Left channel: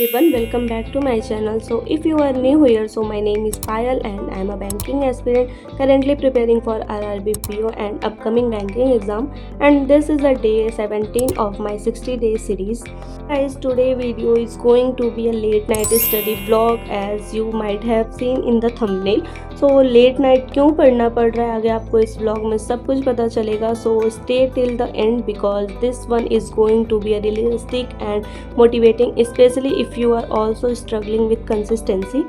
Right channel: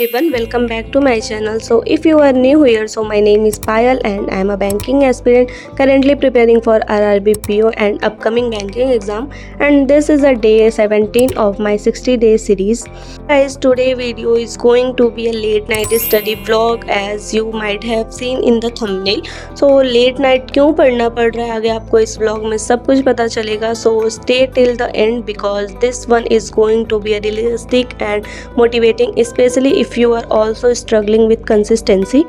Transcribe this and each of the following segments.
everyone, welcome back to my channel. So if you are new here, so my name is Payal and I am a banking aspirant currently preparing for RRB PO and upcoming banking exam, and this is a day 17 of my 60-day series. Guys, today video is going to be a late night study vlog as you might have seen in the thumbnail. So late night क्यों पढ़ना पड़ रहा है आगे आपको इस vlog में सब कुछ पता चलेगा. So stay till the end because this one is going to be a realistic and motivating, especially if you are also struggling with consistency.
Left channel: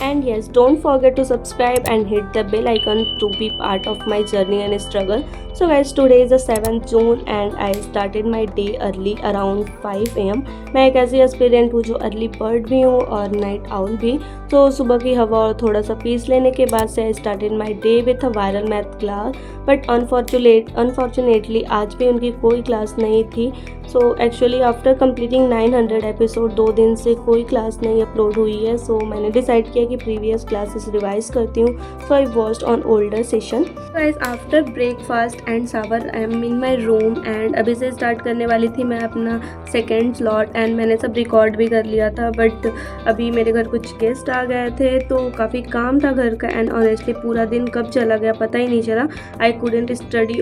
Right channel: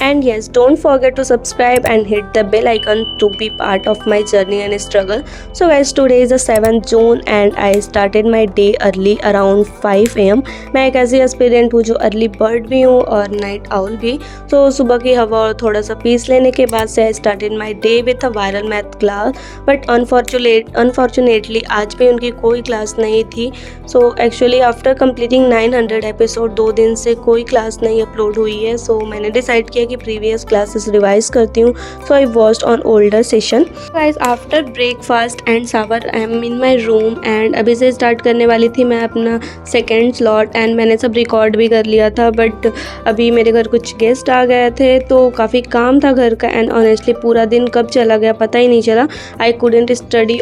And yes, don't forget to subscribe and hit the bell icon to be part of my journey and struggle. So guys, today is the 7th June and I started my day early around 5 am. मैं एक ऐसी aspirant हूँ जो early bird भी हूँ और night owl भी. तो सुबह की हवा और थोड़ा सा पीस लेने के बाद से I started my day with a viral math class. But unfortunately आज भी उनकी कोई क्लास नहीं थी. So actually after completing 900 episode 2 दिन से कोई क्लास नहीं अपलोड हुई है. सो मैंने डिसाइड किया कि प्रीवियस क्लासेस रिवाइज करती हूँ. So I watched on older session. Guys, after breakfast and shower I am in my room and अभी से स्टार्ट करने वाली थी मैं अपना सेकेंड स्लॉट एंड मैंने सब रिकॉर्ड भी कर लिया था. बट अभी मेरे घर कुछ गेस्ट आ गए थे तो काफ़ी काम था घर का एंड ऑनेस्टली पूरा दिन कब चला गया पता ही नहीं चला. I couldn't study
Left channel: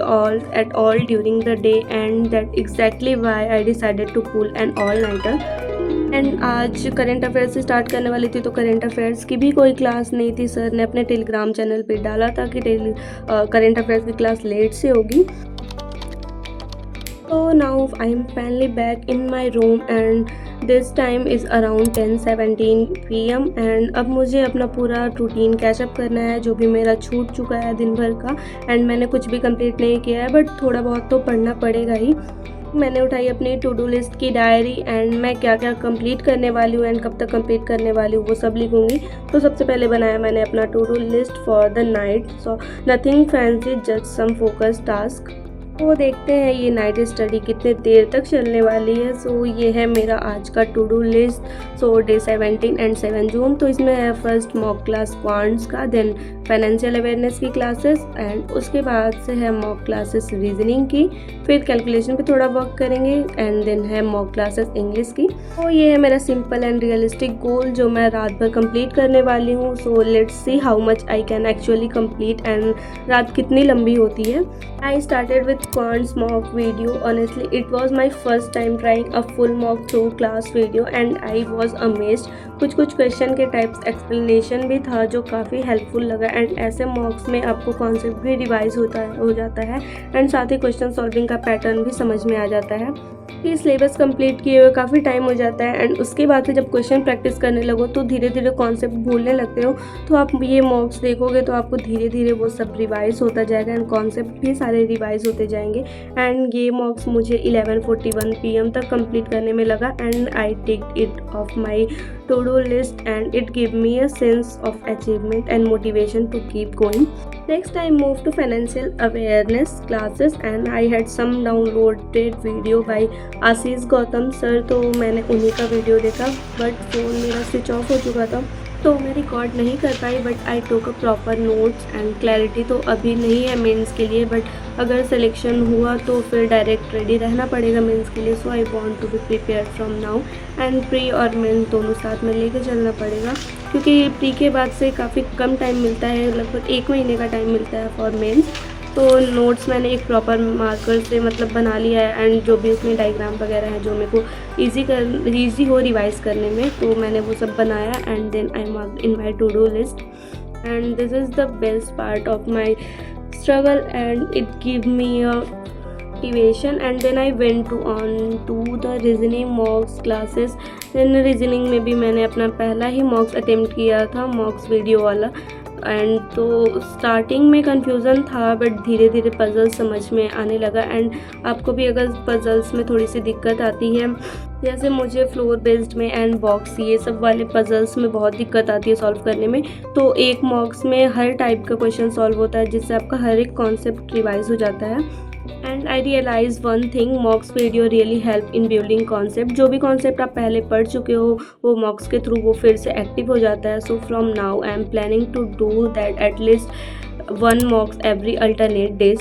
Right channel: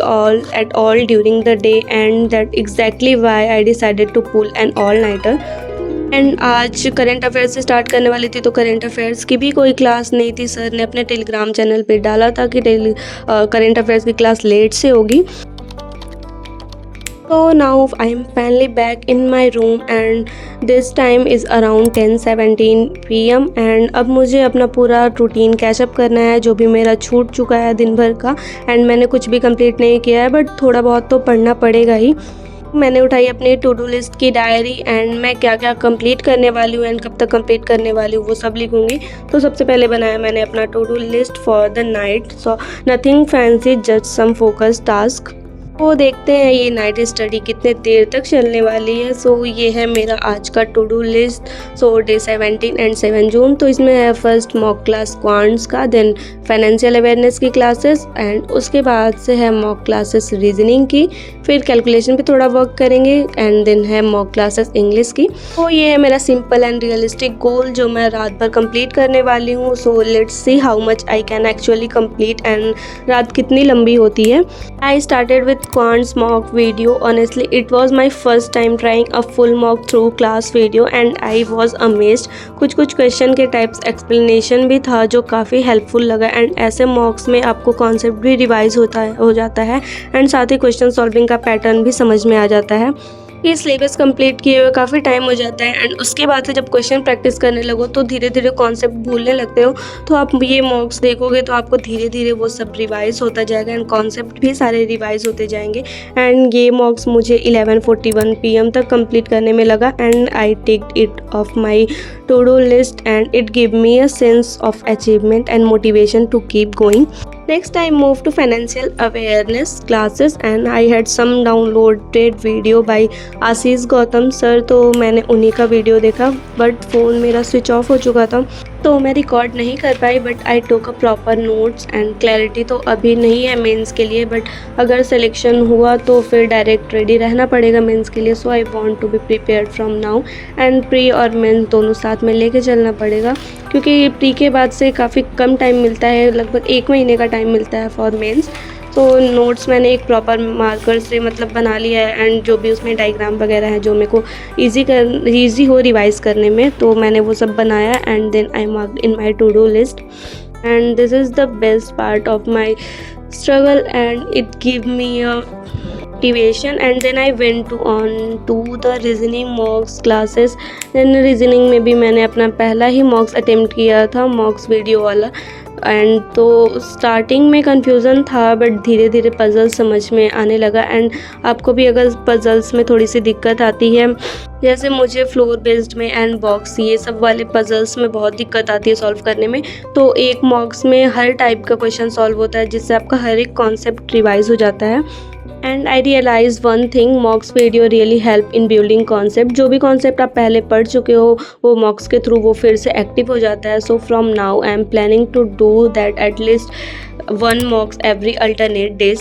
at all during the day and that exactly why I decided to pull an all nighter. And आज करंट अफेयर्स से स्टार्ट करने वाली थी तो करंट अफेयर्स की भी कोई क्लास नहीं थी. सर ने अपने टेलीग्राम चैनल पे डाला था कि करंट अफेयर्स की क्लास लेट से होगी. So now I am finally back in my room and this time is around 10:17 PM and अब मुझे अपना पूरा रूटीन कैचअप करना है जो भी मेरा छूट चुका है दिन भर का. एंड मैंने कुछ भी कंप्लीट नहीं किया है बट थोड़ा बहुत तो पढ़ना पड़ेगा ही. मैंने उठाई अपनी टू डू लिस्ट की डायरी एंड मैं क्या क्या कंप्लीट करने वाली हूँ एंड कब तक कंप्लीट करने वाली हूँ वो सब लिखूँगी. तो सबसे पहले बनाया मैंने अपना to do list for the night. So nothing fancy, just some focus task. तो देखते हैं ये नाइट स्टडी कितने देर तक चलने वाली है. सो ये है मेरा आज का to do list. So day 17 and 7 June. तो इसमें है फर्स्ट मॉक क्लास क्वांट्स का, देन फाइनेंशियल अवेयरनेस की क्लासेस एंड उसके बाद से है मॉक क्लासेस रीजनिंग की. फिर कैलकुलेशन पे थोड़ा वर्क करेंगे एंड देन है मॉक क्लासेस इंग्लिश की. तो ये है मेरा सिंपल एंड रियलिस्टिक गोल जो मैं रात भर कंप्लीट करने वाली हूँ. So let's see how much I can actually complete and रात कितनी लंबी होती है. I started with quants mock video. Honestly, it was my first time trying a full mock through class video and I was amazed. कुछ question के types explanation भी था जो काफ़ी हेल्पफुल लगा एंड ऐसे मॉक्स में आपको कॉन्सेप्ट भी रिवाइज हो जाता है एंड साथ ही क्वेश्चन सॉल्विंग का पैटर्न भी समझ में आ जाता है. ये सिलेबस कंप्लीट किए हुए काफ़ी टाइम हो जाता है एंड उसके बाद से जब क्वेश्चन प्रैक्टिस करने लगो तो धीरे धीरे कॉन्सेप्ट भूलने लगते हो. तो आप ये मॉक्स देखोगे तो आपको धीरे धीरे वो सब रिवाइज होता जाएगा एंड कॉन्सेप्ट भी सारे रिवाइज होते जाएंगे. एंड ये मॉक्स मुझे 11:41 PM तक कंप्लीट करने में लगा and I ticked it of my to do list and it gave me a sense of achievement and motivation to keep going. Next I moved to financial awareness classes and I had some downloaded video by Ashish Gautam sir. तो मैंने उन्हीं का video देखा but phone मेरा switch off हो चुका था तो मैं रिकॉर्ड नहीं कर पाई. But I took a proper notes and clarity तो अभी नहीं है मेंस के लिए बट अगर सिलेक्शन हुआ तो फिर डायरेक्ट रेडी रहना पड़ेगा मेंस के लिए. So I want to be prepared from now and pre और मेंस दोनों साथ में लेके चलना पड़ेगा क्योंकि प्री के बाद से काफ़ी कम टाइम मिलता है, लगभग 1 महीने का टाइम मिलता है फॉर मेंस. तो नोट्स मैंने एक प्रॉपर मार्कर से बना लिया है एंड जो भी उसमें डायग्राम वगैरह है जो मेरे को ईजी हो रिवाइज करने में तो मैंने वो सब बनाया and then I marked in my to do list. And this is the best part of my struggle and it give me a motivation and then I went on to the reasoning mocks classes. then reasoning में भी मैंने अपना पहला ही मॉक्स attempt किया था, मॉक्स video वाला. And तो starting में कन्फ्यूज़न था बट धीरे धीरे पजल समझ में आने लगा. एंड आपको भी अगर पजल्स में थोड़ी सी दिक्कत आती है जैसे मुझे फ्लोर बेस्ड में एंड बॉक्स ये सब वाले पजल्स में बहुत दिक्कत आती है सॉल्व करने में तो एक मॉक्स में हर टाइप का क्वेश्चन सॉल्व होता है जिससे आपका हर एक कॉन्सेप्ट रिवाइज हो जाता है. And I realise one thing, mocks video really help in building concept. जो भी कॉन्सेप्ट आप पहले पढ़ चुके हो वो मॉक्स के थ्रू वो फिर से एक्टिव हो जाता है। So from now I am planning to do that at least one mocks every alternate days.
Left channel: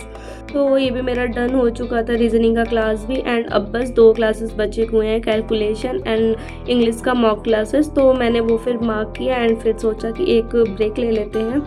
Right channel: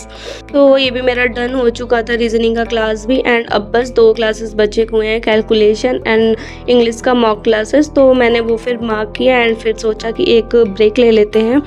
तो ये भी मेरा डन हो चुका था, रीजनिंग का क्लास भी। एंड अब बस 2 क्लासेस बचे हुए हैं, कैलकुलेशन एंड इंग्लिश का मॉक क्लासेस। तो मैंने वो फिर मार्क किया एंड फिर सोचा कि एक ब्रेक ले लेते हैं।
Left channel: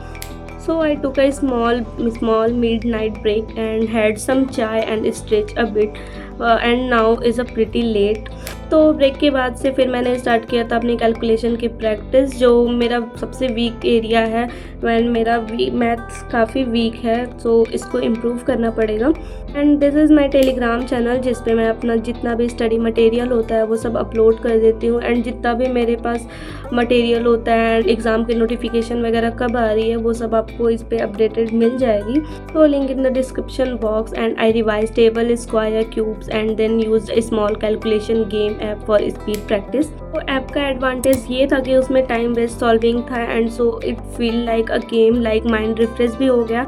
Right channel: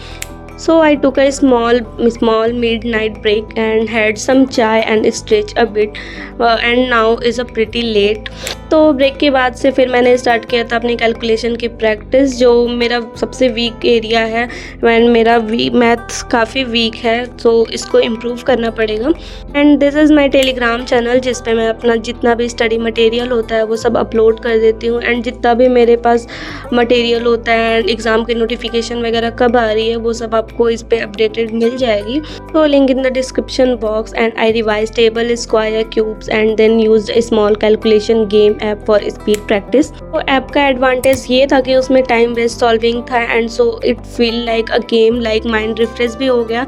So I took a small midnight break and had some chai and stretched a bit, and now is a pretty late। तो ब्रेक के बाद से फिर मैंने स्टार्ट किया था अपनी कैलकुलेशन की प्रैक्टिस, जो मेरा सबसे वीक एरिया है। मेरा मैथ्स काफ़ी वीक है, तो इसको इम्प्रूव करना पड़ेगा। And this is my Telegram channel, जिस पे मैं अपना जितना भी स्टडी मटेरियल होता है वो सब अपलोड कर देती हूँ। एंड जितना भी मेरे पास मटेरियल होता है, एग्ज़ाम की नोटिफिकेशन वगैरह कब आ रही है वो सब आपको इस पे अपडेटेड मिल जाएगी। तो link in the description box. And I revise table, square, cubes and then used a small calculation game app for speed practice. तो ऐप का एडवांटेज ये था कि उसमें टाइम बेस्ड सॉल्विंग था, and so it feel like a game, like mind refresh भी हो गया।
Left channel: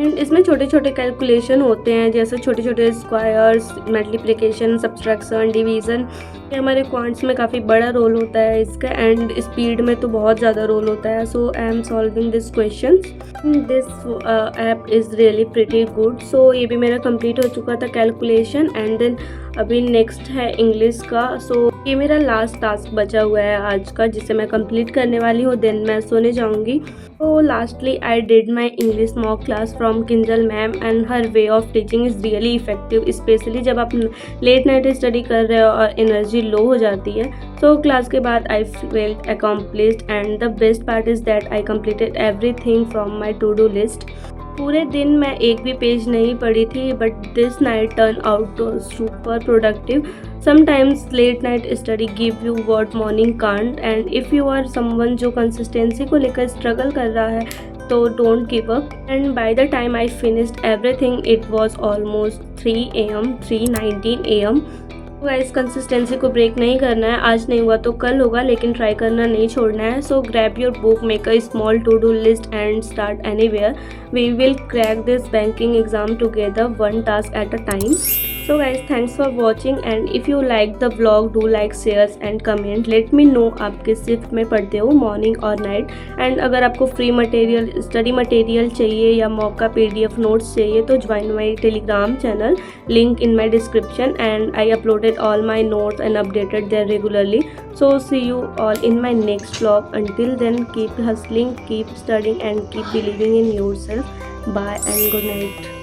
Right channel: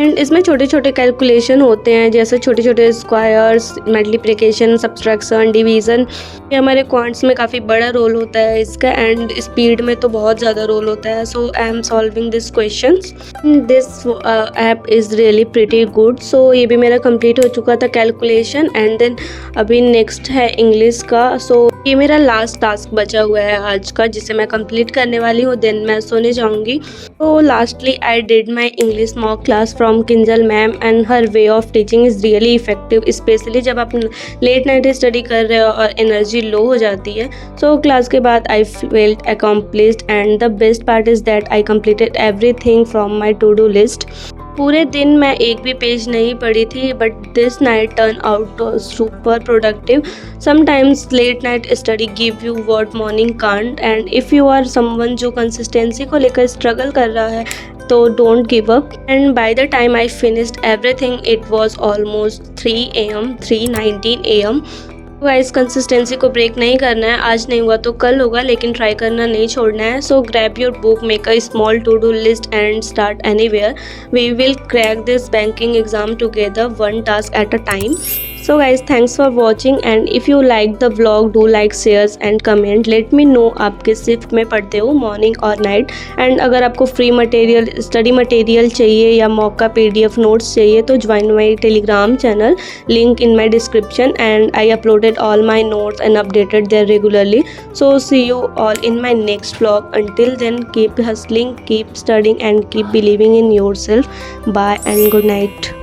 एंड इसमें छोटे छोटे कैलकुलेशन होते हैं, जैसे छोटे छोटे स्क्वायर्स, मल्टीप्लिकेशन, सब्सट्रैक्शन, डिवीज़न। ये हमारे क्वांट्स में काफ़ी बड़ा रोल होता है इसका, एंड स्पीड में तो बहुत ज़्यादा रोल होता है। So I am solving this questions. This app is really pretty good. So ये भी मेरा कंप्लीट हो चुका था कैलकुलेशन। एंड देन अभी नेक्स्ट है इंग्लिश का। सो ये मेरा लास्ट टास्क बचा हुआ है आज का, जिसे मैं कंप्लीट करने वाली हूँ, देन मैं सोने जाऊँगी। तो lastly I did my English mock class from Kinjal ma'am, and her way of teaching is really effective, specially जब आप लेट नाइट स्टडी कर रहे हो और एनर्जी लो हो जाती है। सो क्लास के बाद I felt accomplished, and the best part is that I completed everything from my to do list. पूरे दिन मैं एक भी पेज नहीं पढ़ी थी, but this night turn out super productive. Sometimes late night study give you what morning can't, and if you are someone जो consistency को लेकर स्ट्रगल कर रहा है तो don't give up. And by the time I finished everything it was almost 3 AM, 3:19 AM। Guys, consistency को break नहीं करना है, आज नहीं हुआ तो कल होगा, लेकिन ट्राई करना नहीं छोड़ना है। So grab your book, make a small to do list and start anywhere. We will crack this banking exam together, one task at a time. So guys, thanks for watching, and if you like the vlog, do like, shares and comment. Let me know आप किस shift में पढ़ते हो, morning और night. And अगर आपको free material, study material चाहिए या मॉक का PDF नोट्स चाहिए तो join my Telegram channel, link in my description. And I uploaded all my notes and updated there regularly. So see you all in my next vlog. Until then, keep hustling, keep studying and keep believing in yourself. Bye and good night.